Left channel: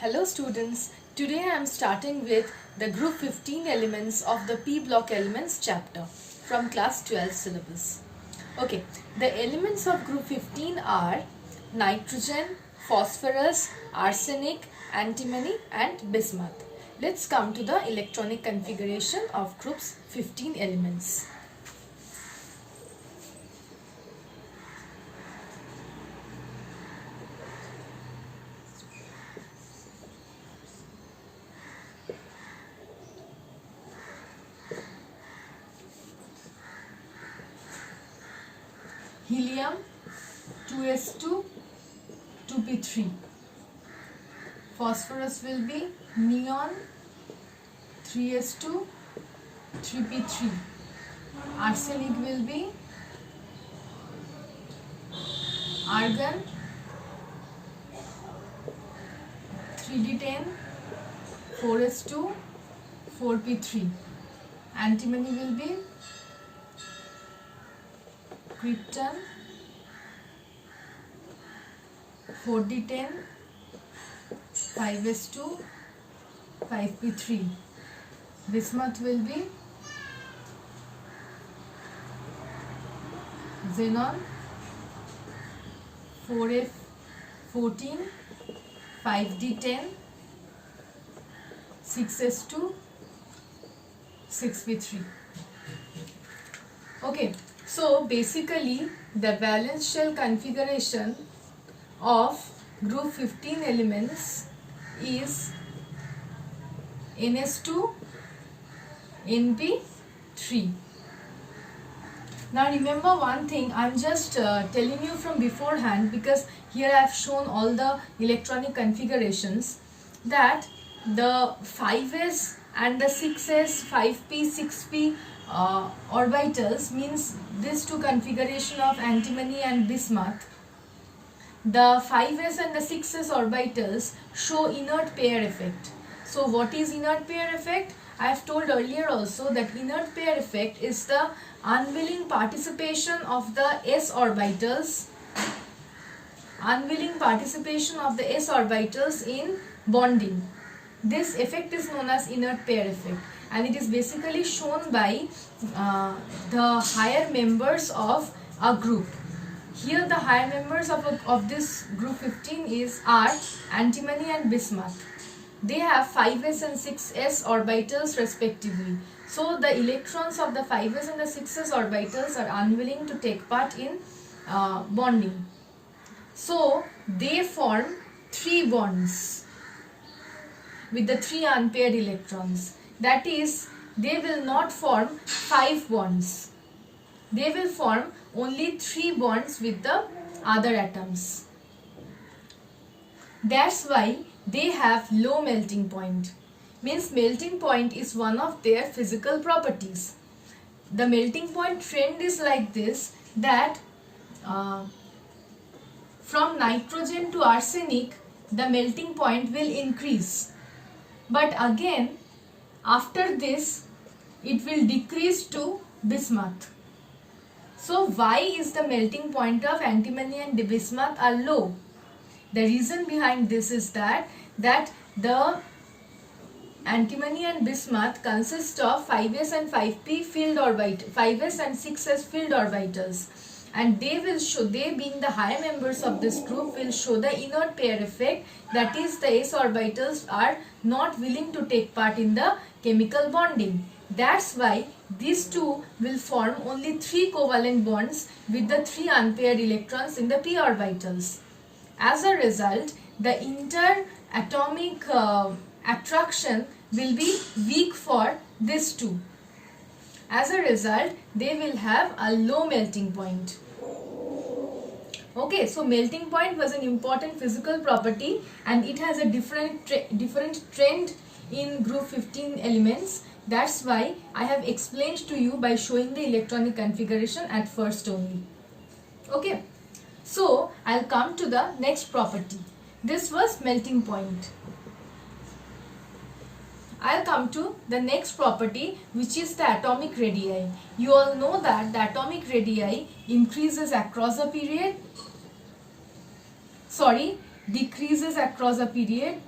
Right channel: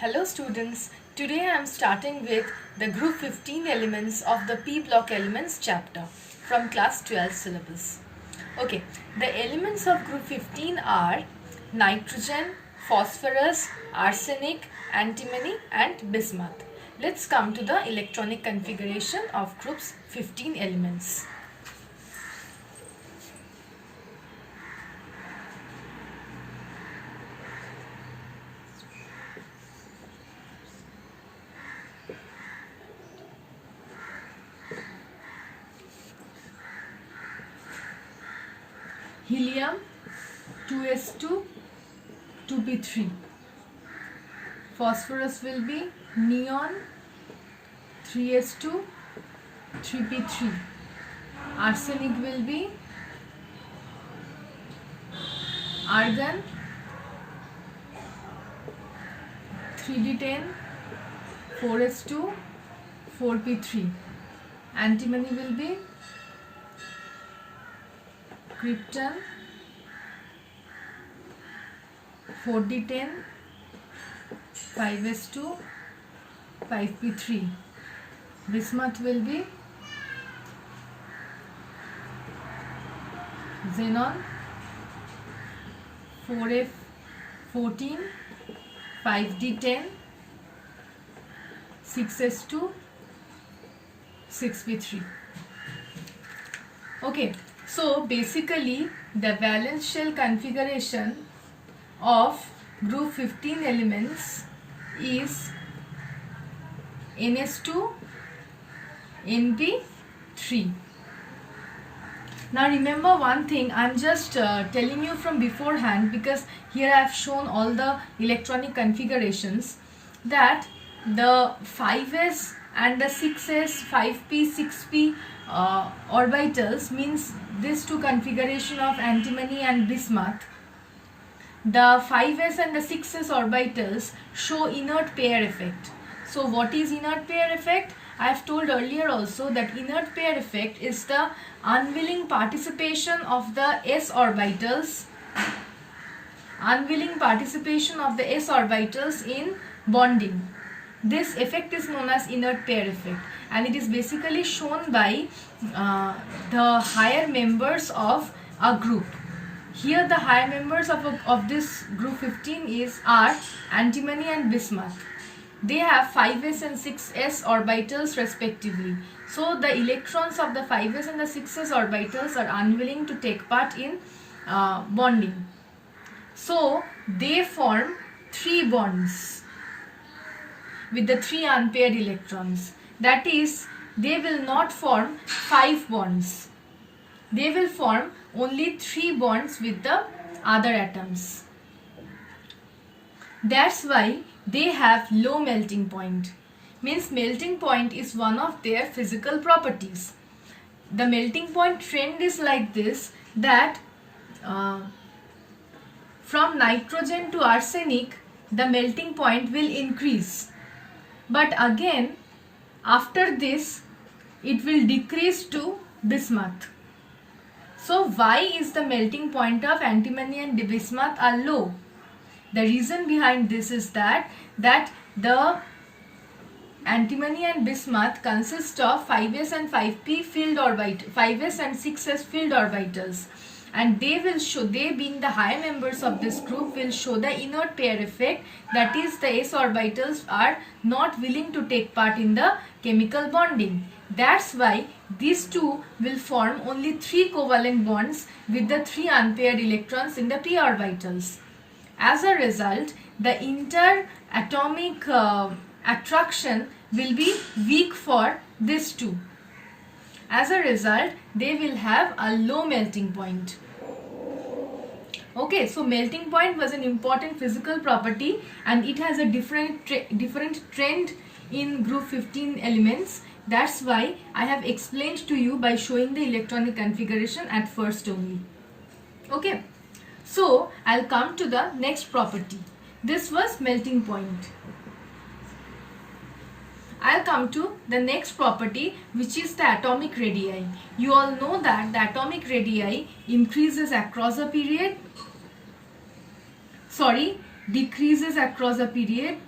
Hello students, today I am starting with the group 15 elements of the P block elements chapter from class 12 syllabus. Okay, the elements of group 15 are nitrogen, phosphorus, arsenic, antimony and bismuth. Let's come to the electronic configuration of groups 15 elements. Helium 2s2 2p3. Phosphorus will be neon 3s2 3p3. Arsenic will be argon 3d10 4s2 4p3. Antimony will be krypton 4d10 5s2 5p3. Bismuth will be xenon 4f14 5d10 6s2 6p3. Okay, so basically the valence shell configuration of group 15 elements is ns2 np3. Now remember one thing, I am just telling you from beforehand, because here I have shown all the electronic configurations, that the 5s and the 6s 5p 6p orbitals means these two configuration of antimony and bismuth. The 5s and the 6s orbitals show inert pair effect. So what is inert pair effect? I have told earlier also that inert pair effect is the unwilling participation of the s orbitals in bonding. This effect is known as inert pair effect, and it is basically shown by the higher members of a group. Here the higher members of this group 15 are antimony and bismuth. They have 5s and 6s orbitals respectively. So the electrons of the 5s and the 6s orbitals are unwilling to take part in bonding. So they form 3 bonds with the 3 unpaired electrons. That is, they will not form 5 bonds. They will form only 3 bonds with the other atoms. That's why they have low melting point. Means melting point is one of their physical properties. The melting point trend is like this, that from nitrogen to arsenic the melting point will increase, but again after this it will decrease to bismuth. So why is the melting point of antimony and bismuth are low? The reason behind this is that the antimony and bismuth consist of 5s and 5p filled orbitals, 5s and 6s filled orbitals, and they being the higher members of this group will show the inert pair effect, that is the s orbitals are not willing to take part in the chemical bonding. That's why these two will form only 3 covalent bonds with the 3 unpaired electrons in the p orbitals. As a result, the interatomic attraction will be weak for these two. As a result, they will have a low melting point. Okay, so melting point was an important physical property, and it has a different trend in group 15 elements. That's why I have explained to you by showing the electronic configuration at first only. Okay, so I'll come to the next property. This was melting point. I'll come to the next property, which is the atomic radii. You all know that the atomic radii increases across a period, decreases across a period,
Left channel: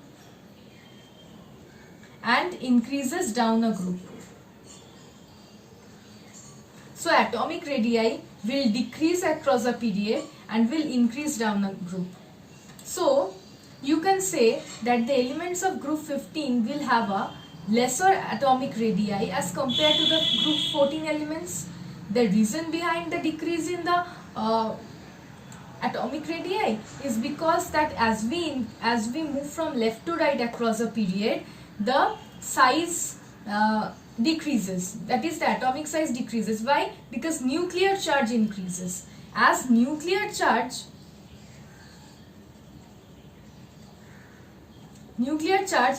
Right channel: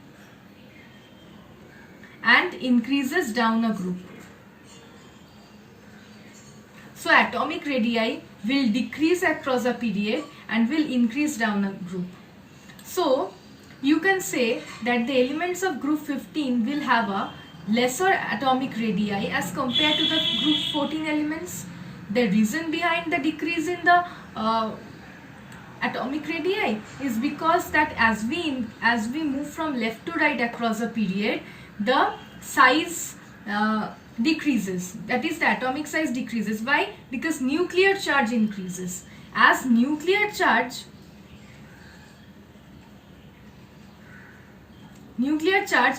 and increases down a group. So atomic radii will decrease across a period and will increase down a group. So you can say that the elements of group 15 will have a lesser atomic radii as compared to the group 14 elements. The reason behind the decrease in the atomic radii is because that as we move from left to right across a period, the size decreases. That is, the atomic size decreases. Why? Because nuclear charge increases. As nuclear charge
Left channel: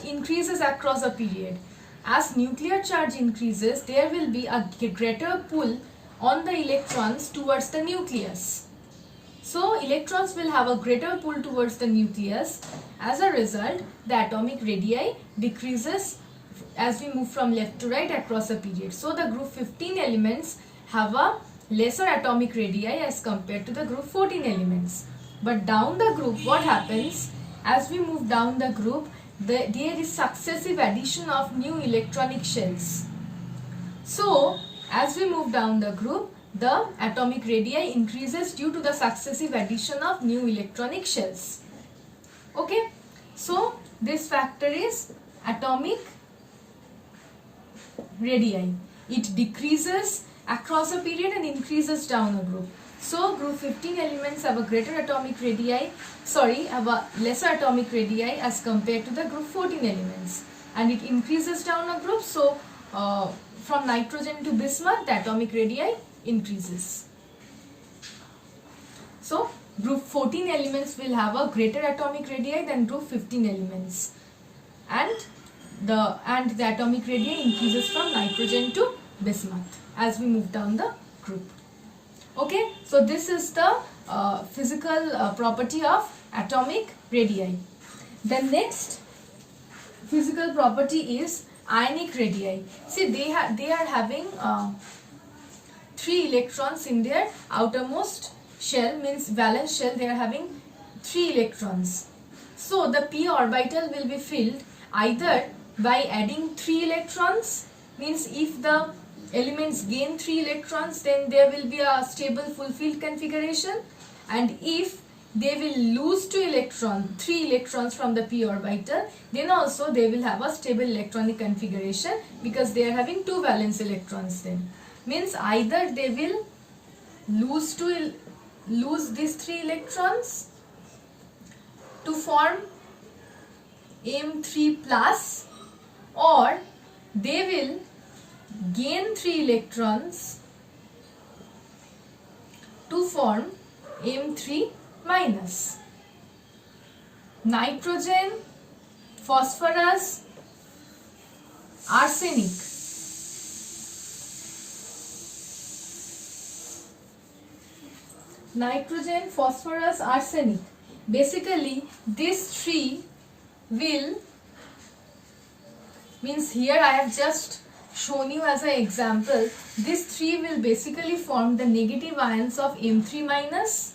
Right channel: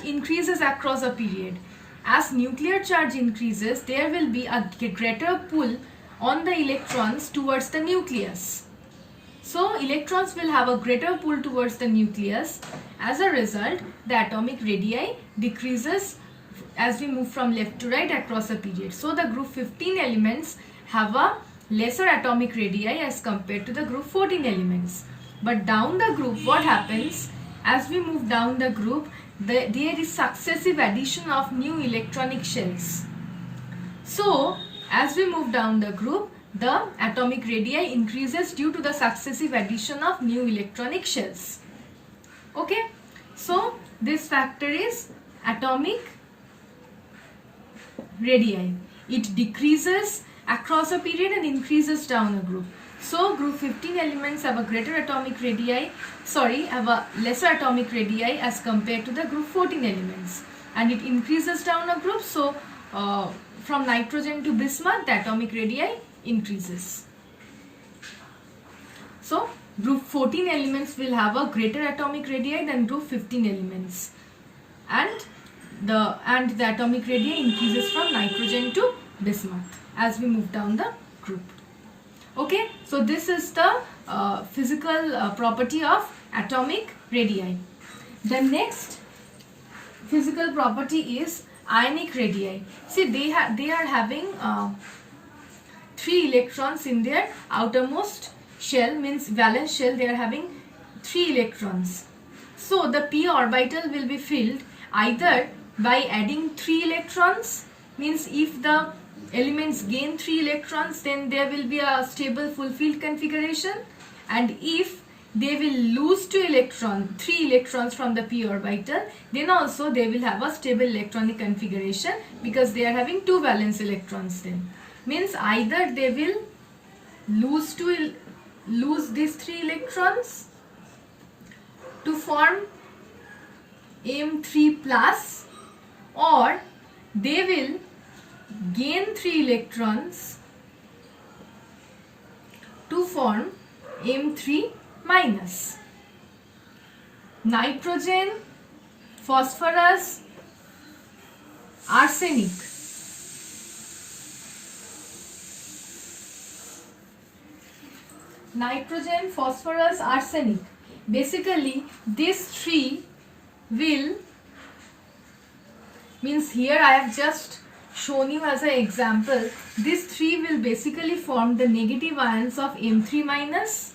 increases across a period. As nuclear charge increases, there will be a greater pull on the electrons towards the nucleus. So electrons will have a greater pull towards the nucleus. As a result, the atomic radii decreases as we move from left to right across a period. So the group 15 elements have a lesser atomic radii as compared to the group 14 elements. But down the group, what happens? As we move down the group, there is successive addition of new electronic shells. So as we move down the group, the atomic radii increases due to the successive addition of new electronic shells. Okay, so this factor is atomic radii. It decreases across a period and increases down a group. So group 15 elements have a greater atomic radii, have a lesser atomic radii as compared to the group 14 elements, and it increases down a group. So from nitrogen to bismuth, the atomic radii increases. So group 14 elements will have a greater atomic radii than group 15 elements, and the atomic radii increases from nitrogen to bismuth as we move down the group. Okay, so this is the physical property of atomic radii. The next physical property is ionic radii. See, they are having 3 electrons in their outermost shell, means valence shell. They are having 3 electrons. So the p orbital will be filled either by adding 3 electrons, means if the elements gain 3 electrons, then there will be a stable full field configuration, and if they will lose 3 electrons from the p orbital, then also they will have a stable electronic configuration, because they are having 2 valence electrons. Then means either they will lose these 3 electrons to form M3 plus, or they will gain 3 electrons to form M3 minus. Nitrogen, phosphorus, arsenic. Nitrogen, phosphorus, arsenic. Basically, these 3 will, means here I have just shown you as an example, these 3 will basically form the negative ions of M3 minus.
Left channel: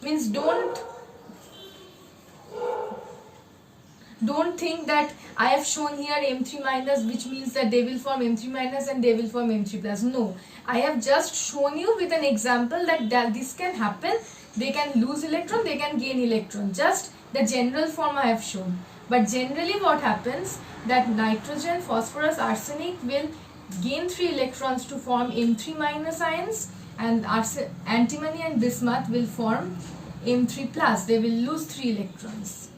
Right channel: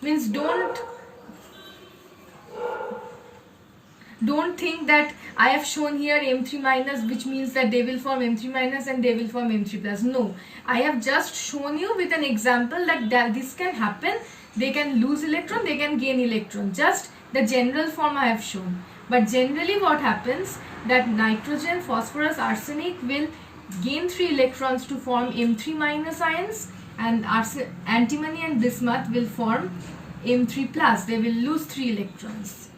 Means don't think that I have shown here M3 minus, which means that they will form M3 minus and they will form M3 plus. No, I have just shown you with an example that this can happen. They can lose electron, they can gain electron. Just the general form I have shown. But generally what happens, that nitrogen, phosphorus, arsenic will gain 3 electrons to form M3 minus ions, and antimony and bismuth will form M3 plus. They will lose 3 electrons.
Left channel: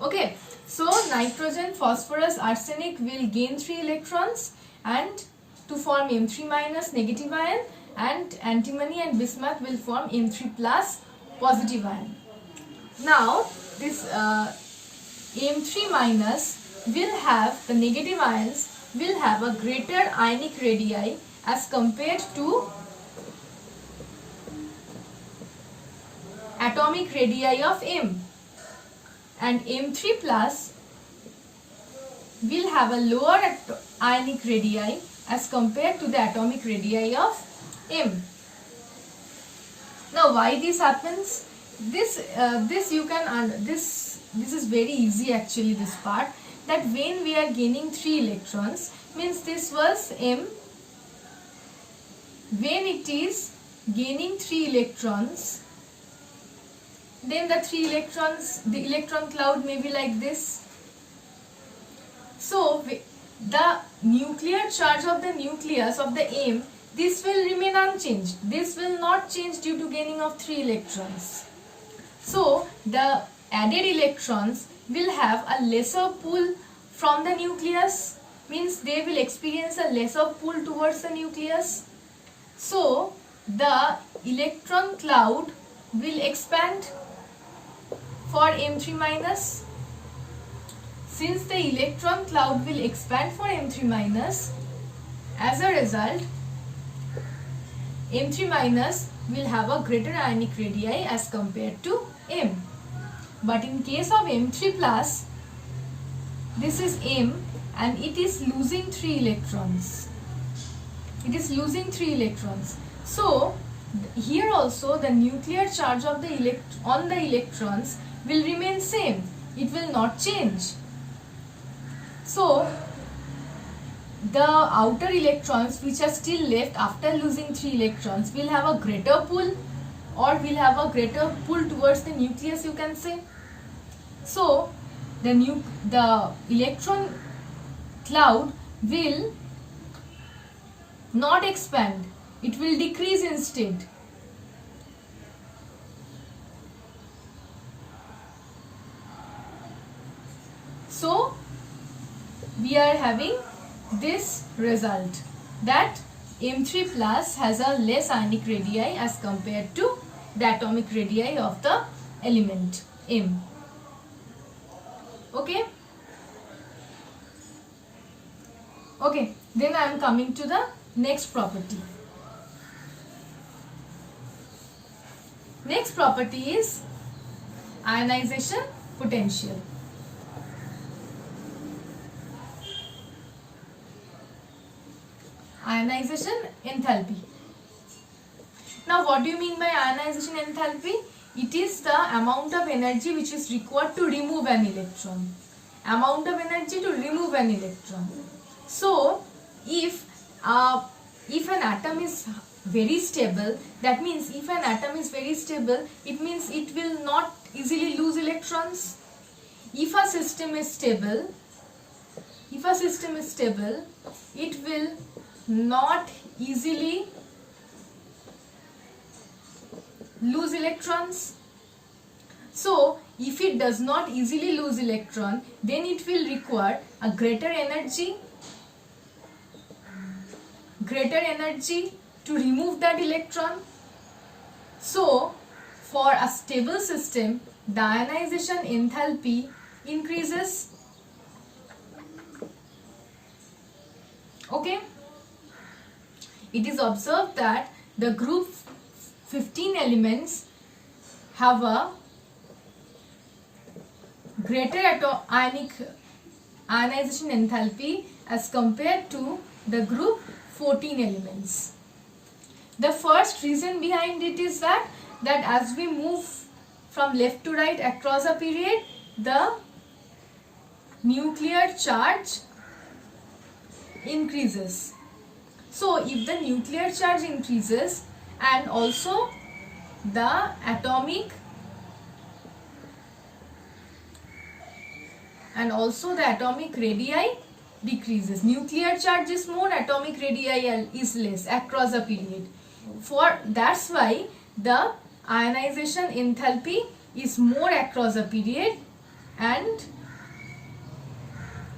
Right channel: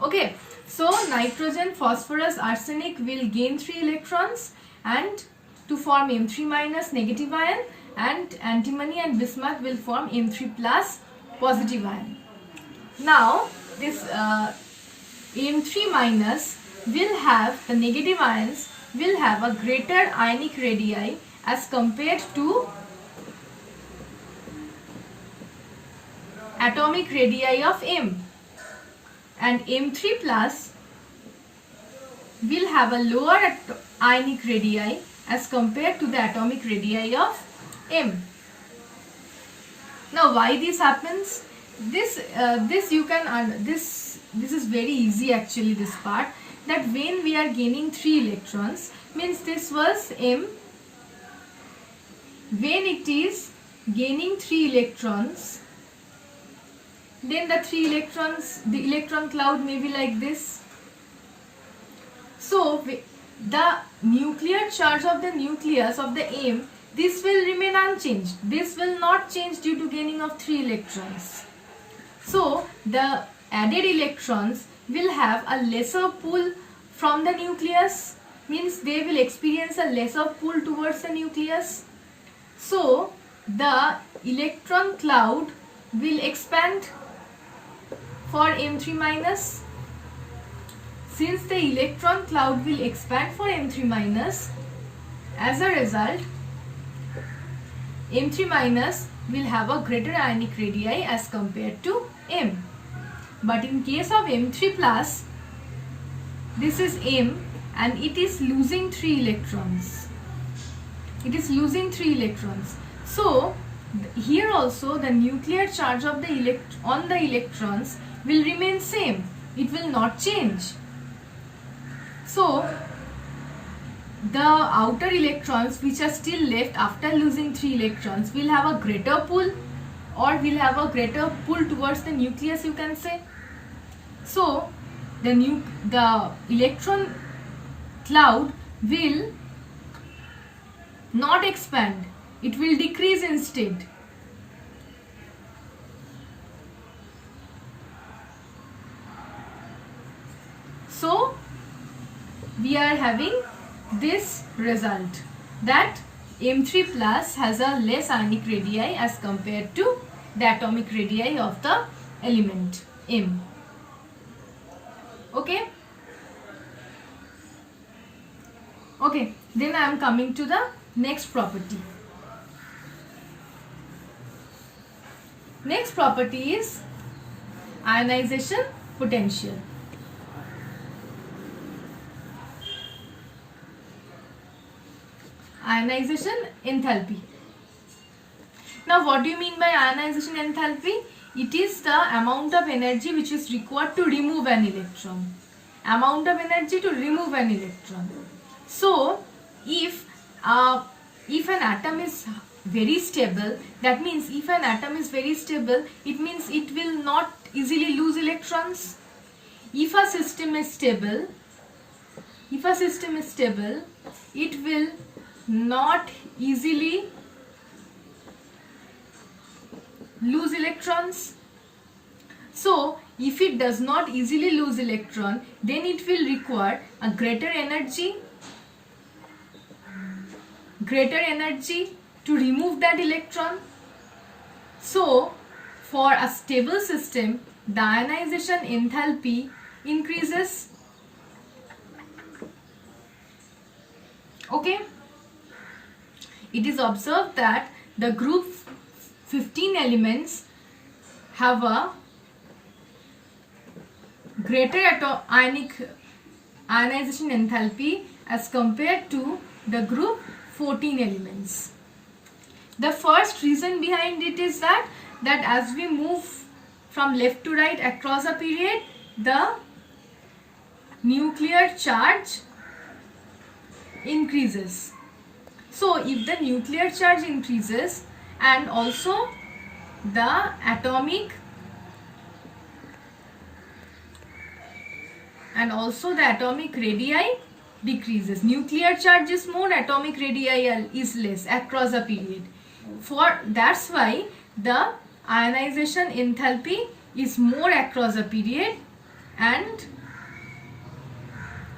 Okay, so nitrogen, phosphorus, arsenic will gain 3 electrons and to form M3 minus negative ion, and antimony and bismuth will form M3 plus positive ion. Now this M3 minus will have, the negative ions will have a greater ionic radii as compared to atomic radii of M, and M3 plus will have a lower ionic radii as compared to the atomic radii of M. Now why this happens? This this is very easy actually, this part, that when we are gaining 3 electrons, means this was M. When it is gaining 3 electrons, then the electron cloud may be like this. So the nuclear charge of the nucleus of the M, this will remain unchanged. This will not change due to gaining of 3 electrons. So the added electrons will have a lesser pull from the nucleus, means they will experience a lesser pull towards the nucleus. So the electron cloud will expand for M3 minus. Since the electron cloud will expand for M3 minus, as a result, M3 minus will have a greater ionic radii as compared to M. But in case of M3 plus, this is M and it is losing 3 electrons. It is losing 3 electrons. So here also the nuclear charge of the on the electrons will remain same. It will not change. So the outer electrons which are still left after losing 3 electrons will have a greater pull, or will have a greater pull towards the nucleus, you can say. So the electron cloud will not expand, it will decrease instead. So we are having this result, that M3 plus has a less ionic radii as compared to the atomic radii of the element M. Okay. Okay, then I am coming to the next property. Next property is ionization potential. Ionization enthalpy. Now what do you mean by ionization enthalpy? It is the amount of energy which is required to remove an electron. Amount of energy to remove an electron. So if an atom is very stable, that means if an atom is very stable, it means it will not easily lose electrons. If a system is stable, it will not easily lose electrons. So if it does not easily lose electron, then it will require a greater energy to remove that electron. So for a stable system, the ionization enthalpy increases. Okay. It is observed that the group 15 elements have a greater ionization enthalpy as compared to the group 14 elements. The first reason behind it is that as we move from left to right across a period, the nuclear charge increases. So if the nuclear charge increases and also the atomic radii decreases. Nuclear charge is more, atomic radii is less across a period. That's why the ionization enthalpy is more across a period and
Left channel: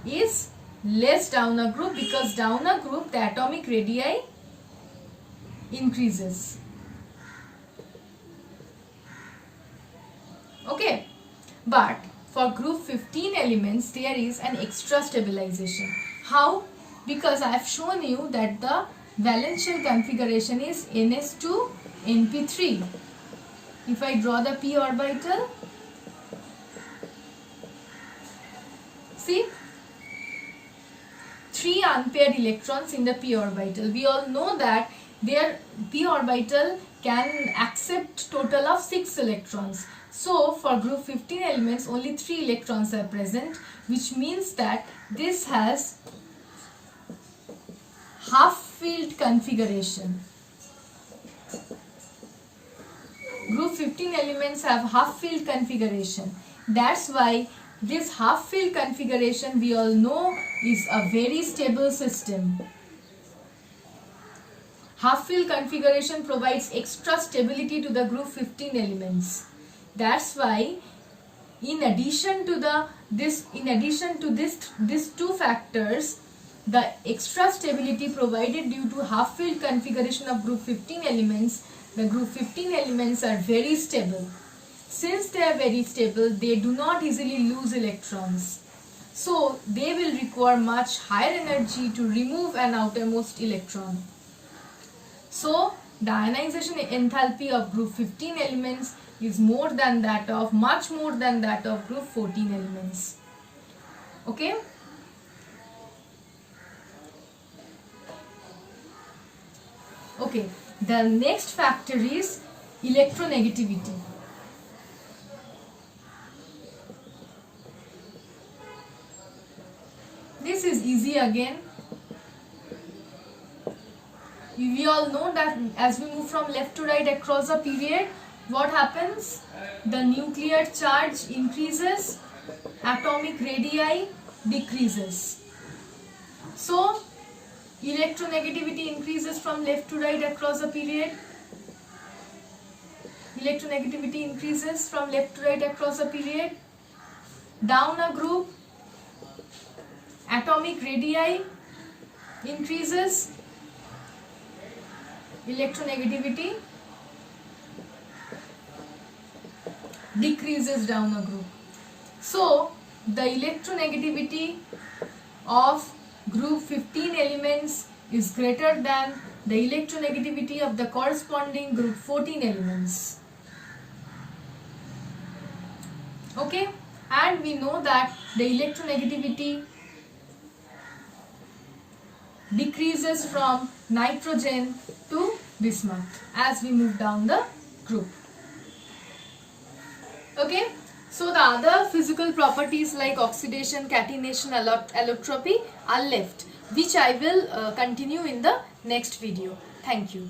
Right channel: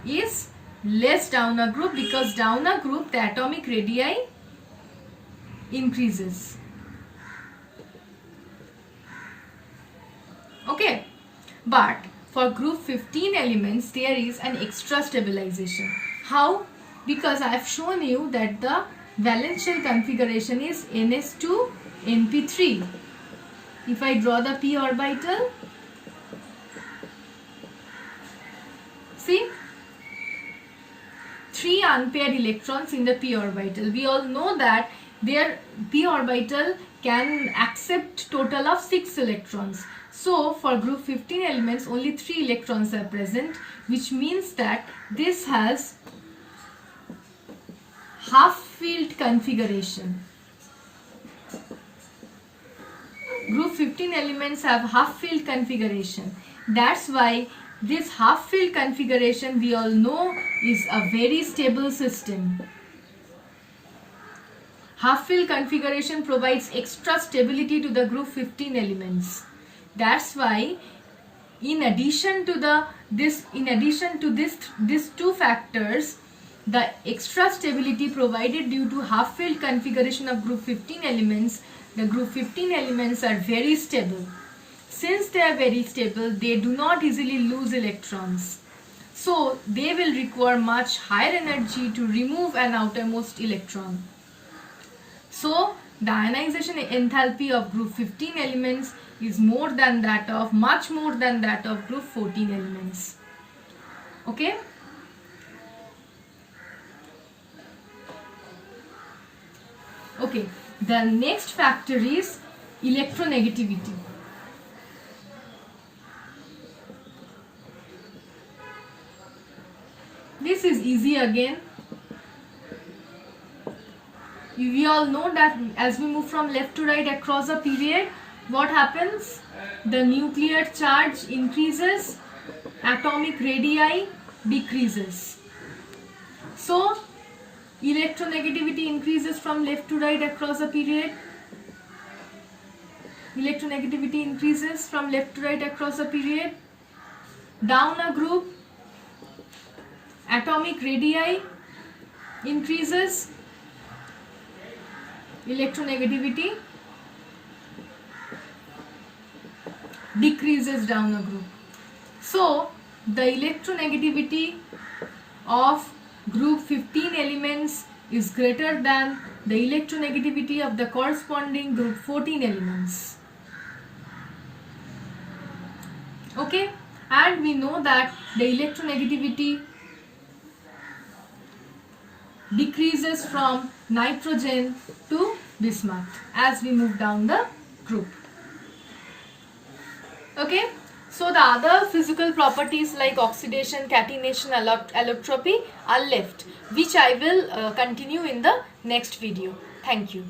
is less down a group, because down a group the atomic radii increases. Okay, but for group 15 elements there is an extra stabilization. How? Because I have shown you that the valence shell configuration is ns2 np3. If I draw the p orbital, see, 3 unpaired electrons in the p orbital. We all know that their p orbital can accept total of 6 electrons. So for group 15 elements only 3 electrons are present, which means that this has half filled configuration. Group 15 elements have half filled configuration. That's why this half filled configuration we all know is a very stable system. Half filled configuration provides extra stability to the group 15 elements. That's why in addition to these two factors, the extra stability provided due to half filled configuration of group 15 elements, the group 15 elements are very stable. Since they are very stable, they do not easily lose electrons. So they will require much higher energy to remove an outermost electron. So the ionization enthalpy of group 15 elements is much more than that of group 14 elements. Okay? Okay, the next factor is electronegativity. This is easy again. We all know that as we move from left to right across a period, what happens? The nuclear charge increases, atomic radii decreases. So, electronegativity increases from left to right across a period. Electronegativity increases from left to right across a period. Down a group, atomic radii increases, electronegativity decreases down a group. So the electronegativity of group 15 elements is greater than the electronegativity of the corresponding group 14 elements. Okay, and we know that the electronegativity decreases from nitrogen to bismuth as we move down the group. Okay, so the other physical properties like oxidation, catenation, allotropy are left, which I will continue in the next video. Thank you.